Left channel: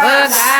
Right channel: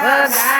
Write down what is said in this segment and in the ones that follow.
Bye.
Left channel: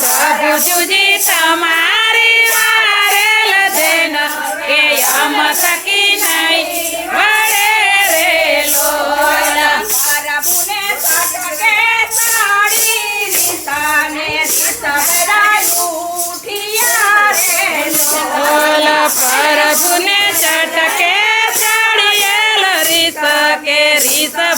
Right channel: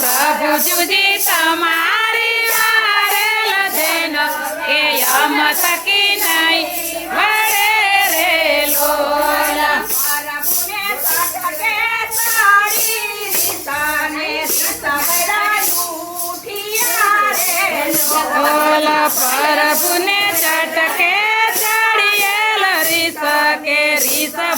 પ્રભુજી, તમારી વારેલ દેન એ યમ સકી નહીં. વરે રે લોલ પ્રભુને સટકે સાડી રીતાને સવરાયું કે રીતા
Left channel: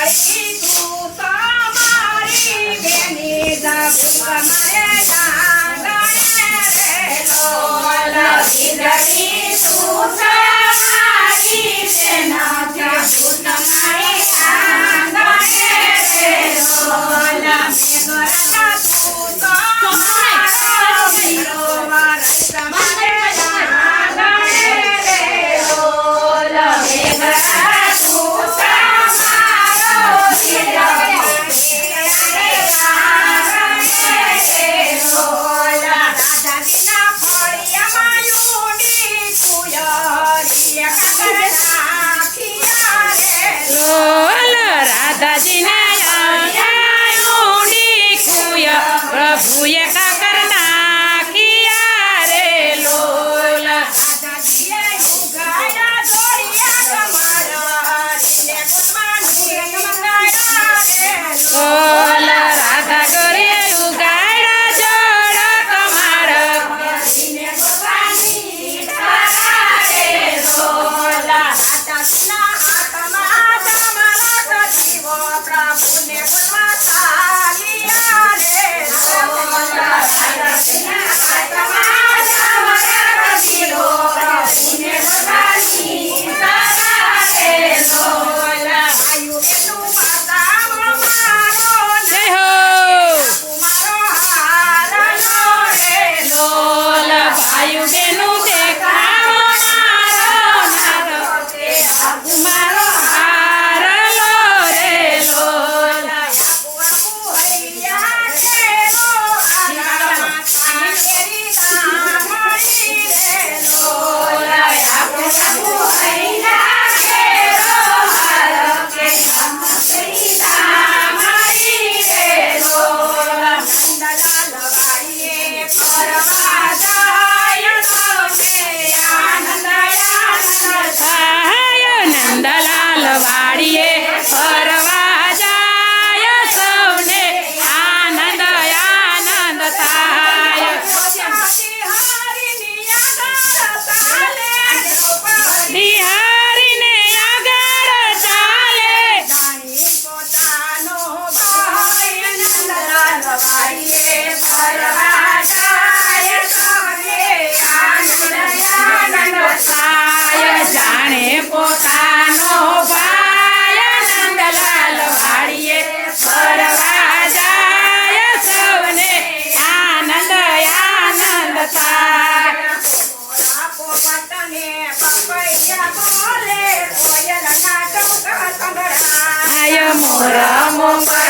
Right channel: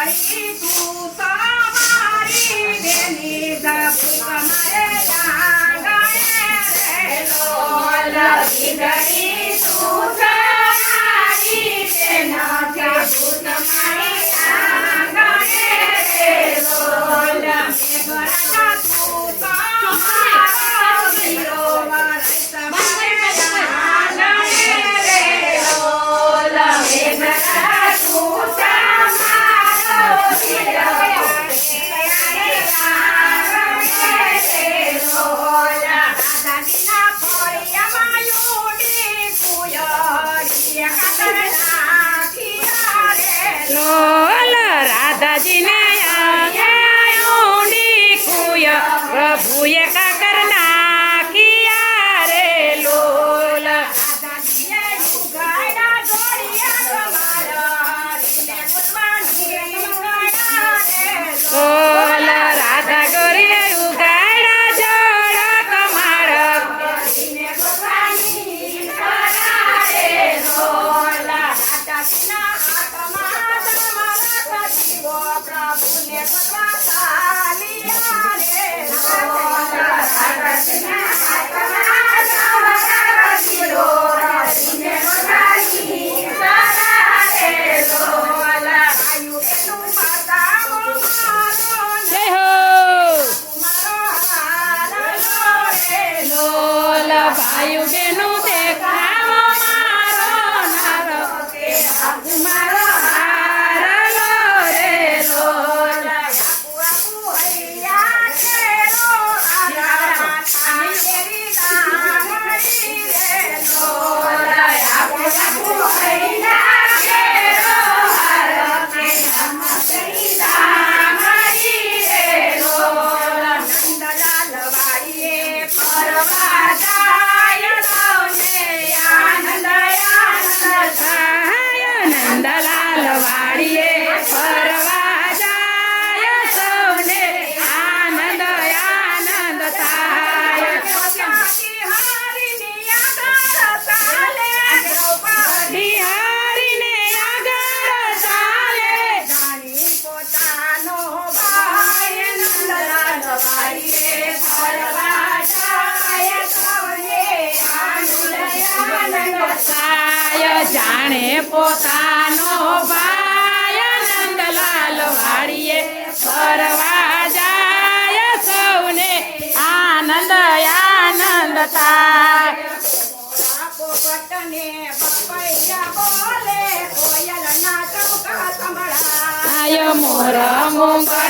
Carinho. Bye. Bye. સંભળાય આય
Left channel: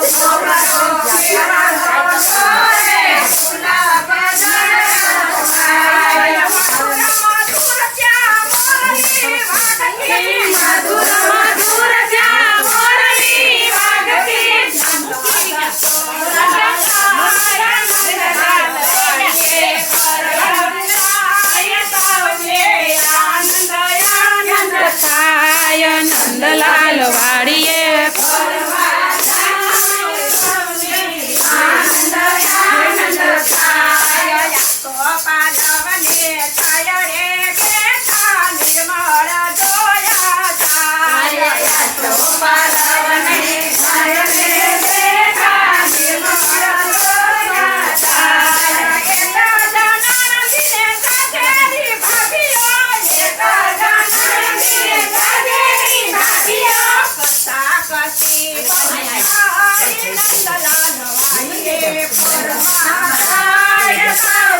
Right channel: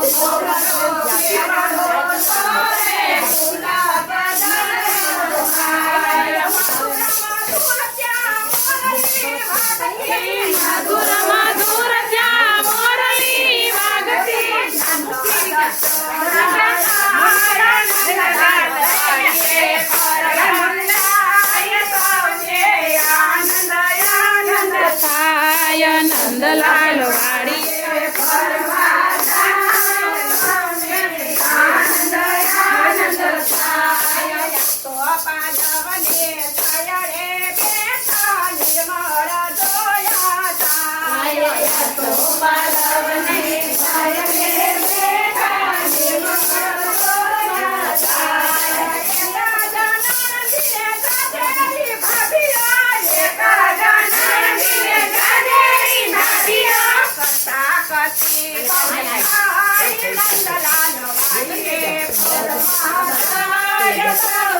નંદલાલ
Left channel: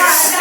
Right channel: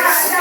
Yes.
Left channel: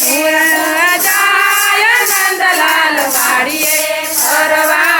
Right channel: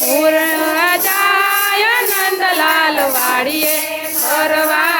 પૂર્ણ જાય નંદલાલ વાડીએ ફરવા.